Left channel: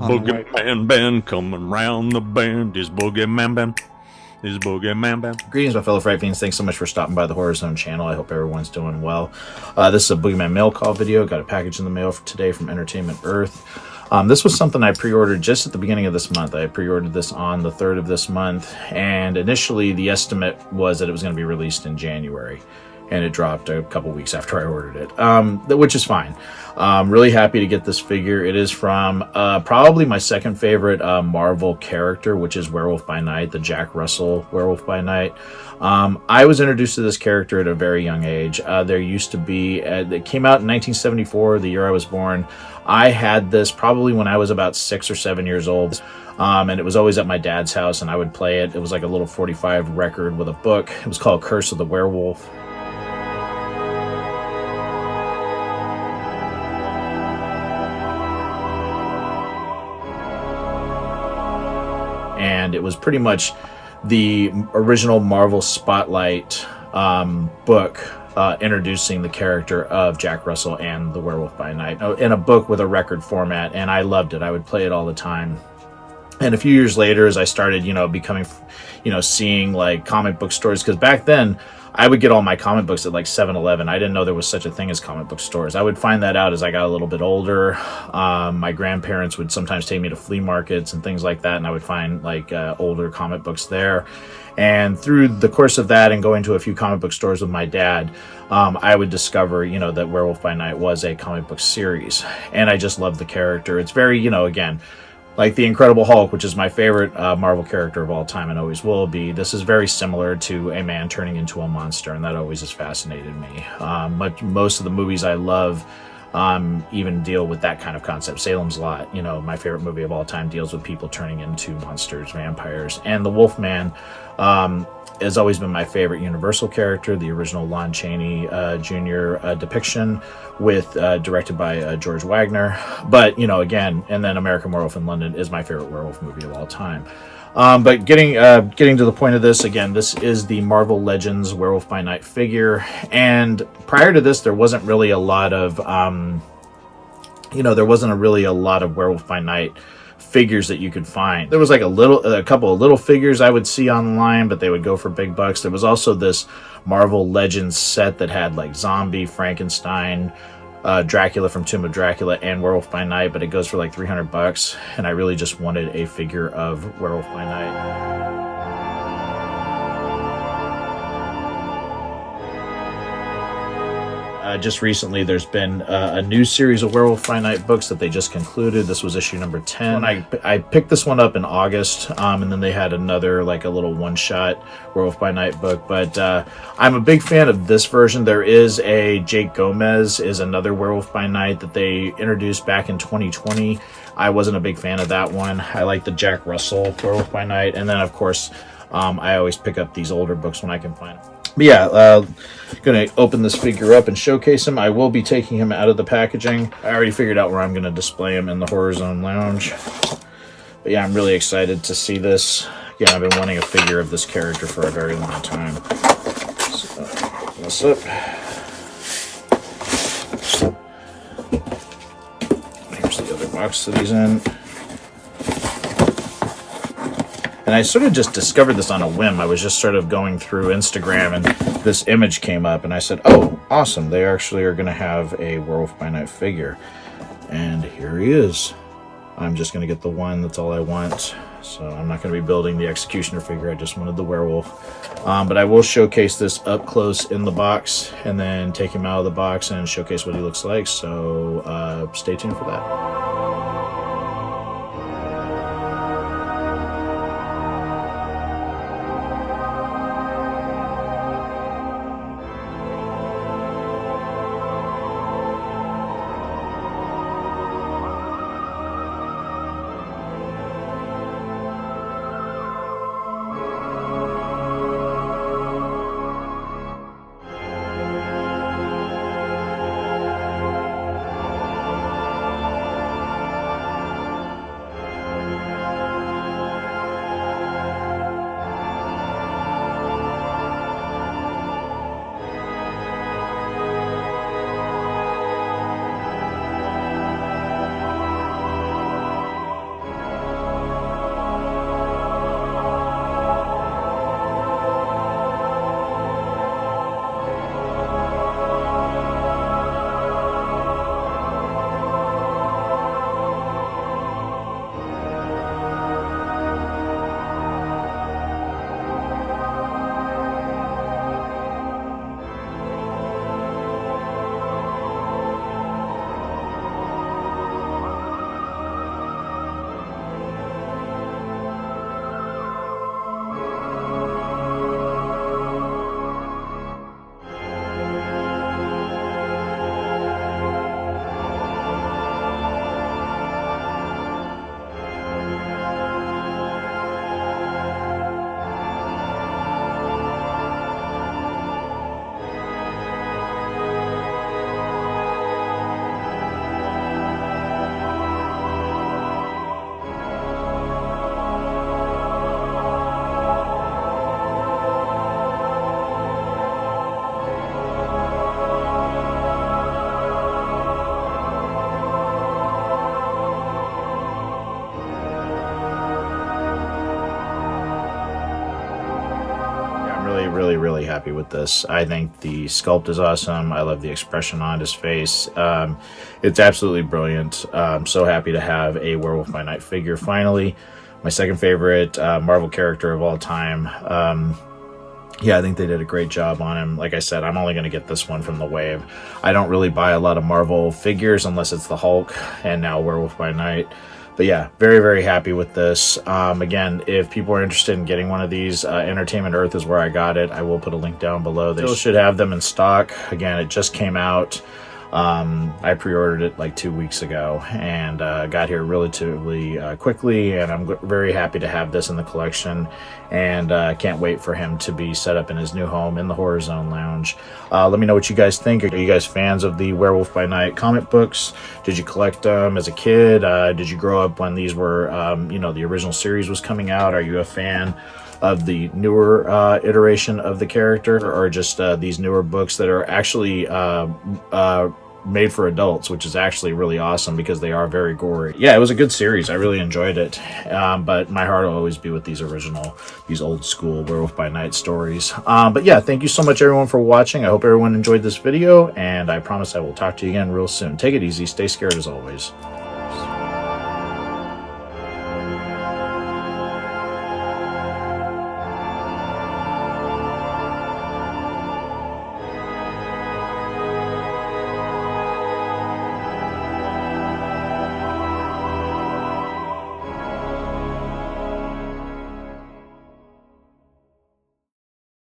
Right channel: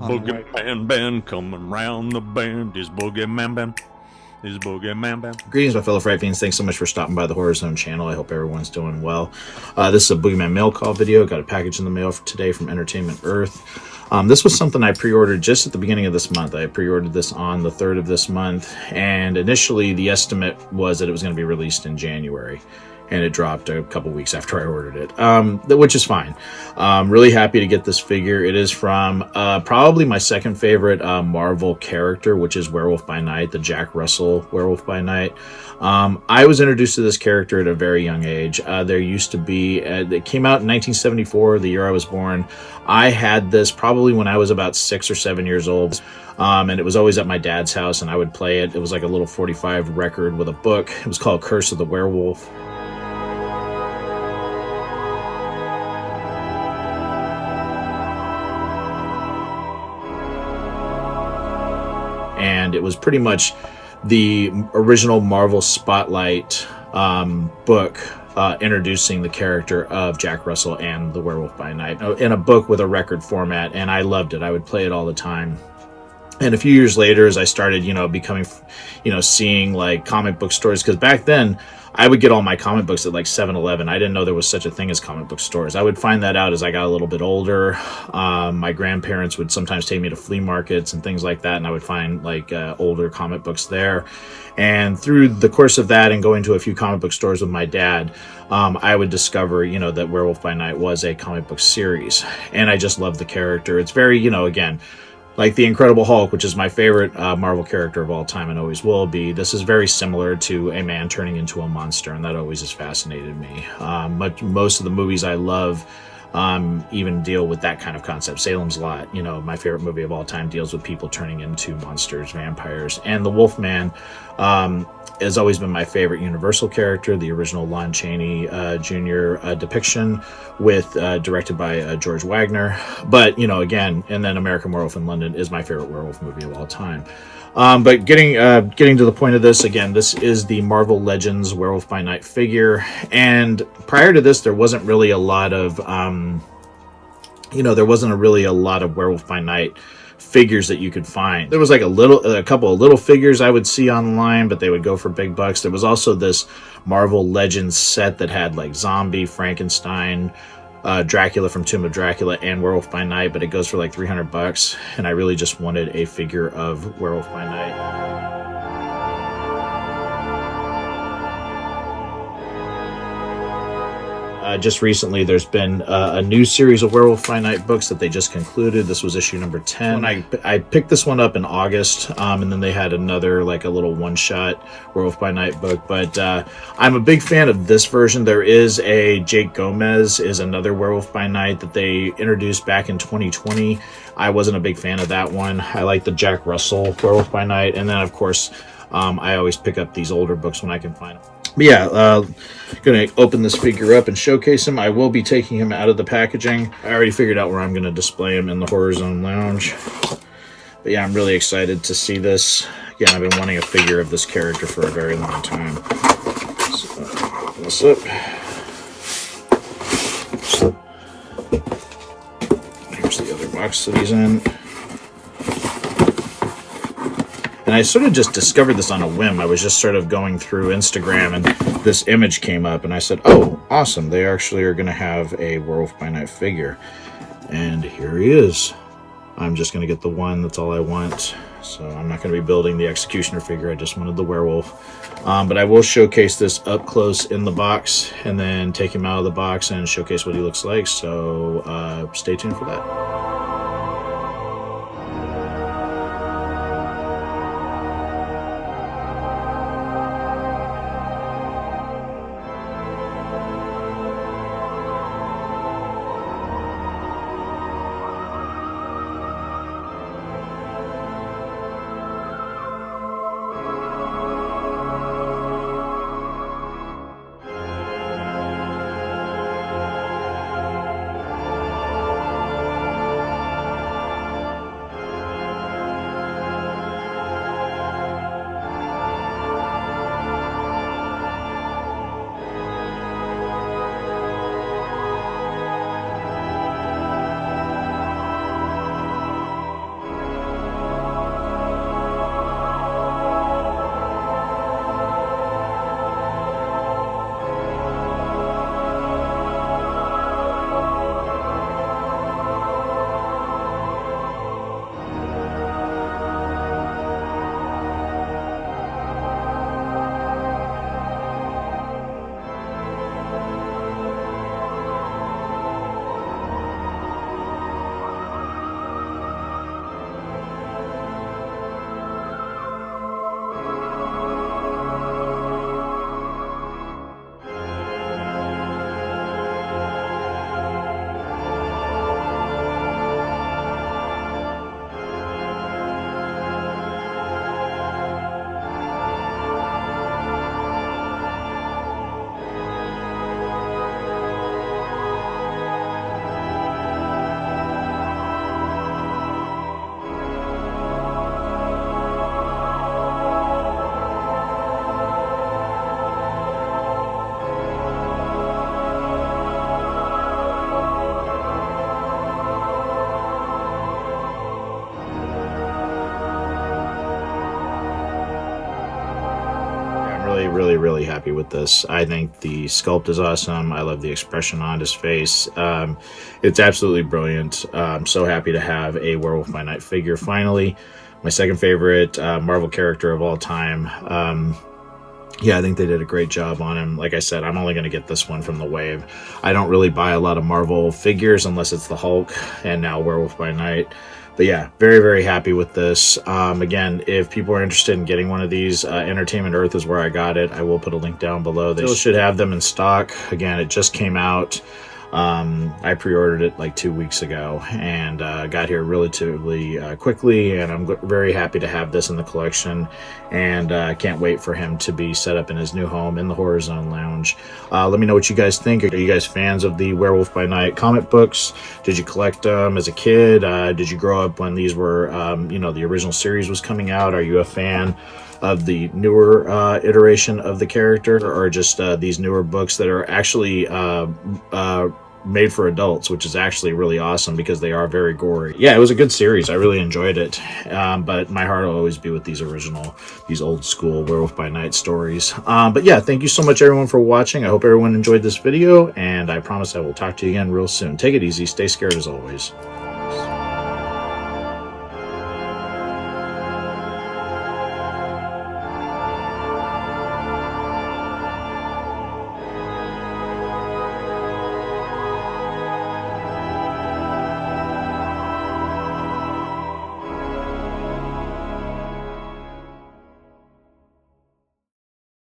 BoogeyMan band coming round the bend. Is BoogeyMan band. Is BoogeyMan band. Greetings, my fellow Fright Fiends. Thanks so much for stopping by the Horror Zone channel. I hope everyone's doing well. This is a BoogeyMan mail call video. Got a package in the mail for today from Entertainment Earth. This was something I pre-ordered just at the beginning of this month. I pre-ordered this on the 3rd of this month, and initially the estimate was that it was going to be released in January. And it dropped a couple weeks after I ordered it, which is fine. Really happy to get this figure. It is from probably my second favorite Marvel character, which is Werewolf by Night, the Jack Russell Werewolf by Night. I was introduced to this character at a very young age. There used to be, it came out in 1974, the year I was born. I had this probably when I was about 6 or 7 years old. And it was always at my dad's house, and I would play it. It was like a little 45 record with a book. It was called Curse of the Werewolf. And it was pretty much the original Marvel Spotlight book introducing the character of Jack Russell and the Werewolf by Night in a book with a record format, and I loved it. I would play it all the time. And a few years later, as I started, becoming, seeing like comic book stores, because back then I would get all my comic books at like 7-Eleven. I didn't know there was such a thing as comic book stores. I would find that out as I got a little bit older. My grandparents would sometimes take me to flea markets and things like that, and I would find like older comic books there. And through the course of that and going to a few comic book stores with my dad, I would discover, that Werewolf by Night was a comic book series. And I just loved the character. It's very, again, like the Incredible Hulk, which is my favorite Marvel character of all time and always will be. This is very similar to a man turning into a monster, and that always has fascinated me. Most of the movies I love even deal with that kind of concept. Salem's Lot, my favorite movie of all time, deals with people turning into monsters, vampires. And the Wolfman has always been my favorite Universal character, the original Lon Chaney Jr. Depiction directed by George Wagner. But, again, and then American Werewolf in London is my favorite werewolf movie of all time. But getting to the point of this, again, this is the Marvel Legends Werewolf by Night figure. And prior to this, there wasn't really a lot of, a lot of Werewolf by Night figures that you could find. There was like a couple of little figures I would see online, but they would go for big bucks. There was also this Marvel Legends set that had like Zombie, Frankenstein, Dracula from Tomb of Dracula, and Werewolf by Night, but it goes for like $300, and I really just wanted a figure of Werewolf by Night. Just recently, there's been a new series of Werewolf by Night books that they just concluded. This was issue number 10. I picked this one up in August, and then they had another, like a little one-shot Werewolf by Night book. But I'm a big fan of this version. There is a Jake Gomez is another Werewolf by Night that they introduced back in 2020. I wasn't a big fan of that one. I like the Jack Russell Werewolf by Night. And then, of course, I always pick up these older books when I can find them. But yeah, gonna open this figure up and showcase him. I will be taking him out of the packaging. I already figured out where I'm gonna display him in the Horror Zone Lounge. But yeah, I'm really excited to see this. Again, I've been wanting a figure of this character for a very long time. So, open this up. Here's the other box that he's in. And I sort of just discovered this on a whim. I was just sort of going through Instagram, and this image came up, and I said, oh, awesome. They actually are going to have a Werewolf by Night figure. And here he is. I'm just going to get the one. That's all I want. So I'm not going to be building the Executioner figure. I just wanted the werewolf. But I will showcase this up close in the box, and then take him out of the box and showcase what he looks like. So stay tuned for that. really, really happy with this. I think the sculpt is awesome. I love the expression on his face. It's absolutely brilliant. I'm so happy to have a Werewolf by Night figure finally. My second favorite Marvel character of all time. Yeah, I think they did a great job on him. Like I said, I'm only going to get this one from the wave. I don't really buy a lot of Marvel figures unless it's the Hulk and now Werewolf by Night. But yeah, very, very happy with this. Again, if people are interested in getting one of these, Entertainment Earth is where I got it. I will put a link down below. They still should have them in stock. Again, it just came out. I pre-ordered it like 2 weeks ago and got here relatively quickly, and I'm very happy to have this in the collection, and can't wait for him to be set up in his new home in the Horror Zone Lounge. Let me know what you guys think. Are you guys fans of the Werewolf by Night comic books? Did you collect them as a kid? Did you grow up when these were, you know, the original series was coming out? Are you a fan of the newer iteration of the character, or just these newer books that are actually made for adults, which is actually really awesome because they are very gory. Yeah, it was a good series. I really enjoyed it, but my heart will always be with these old school Werewolf by Night stories. But yeah, thank you so much everyone for watching. I hope everyone enjoyed this video, and I promise I will talk to you again real soon. Take it easy, stay scared as always.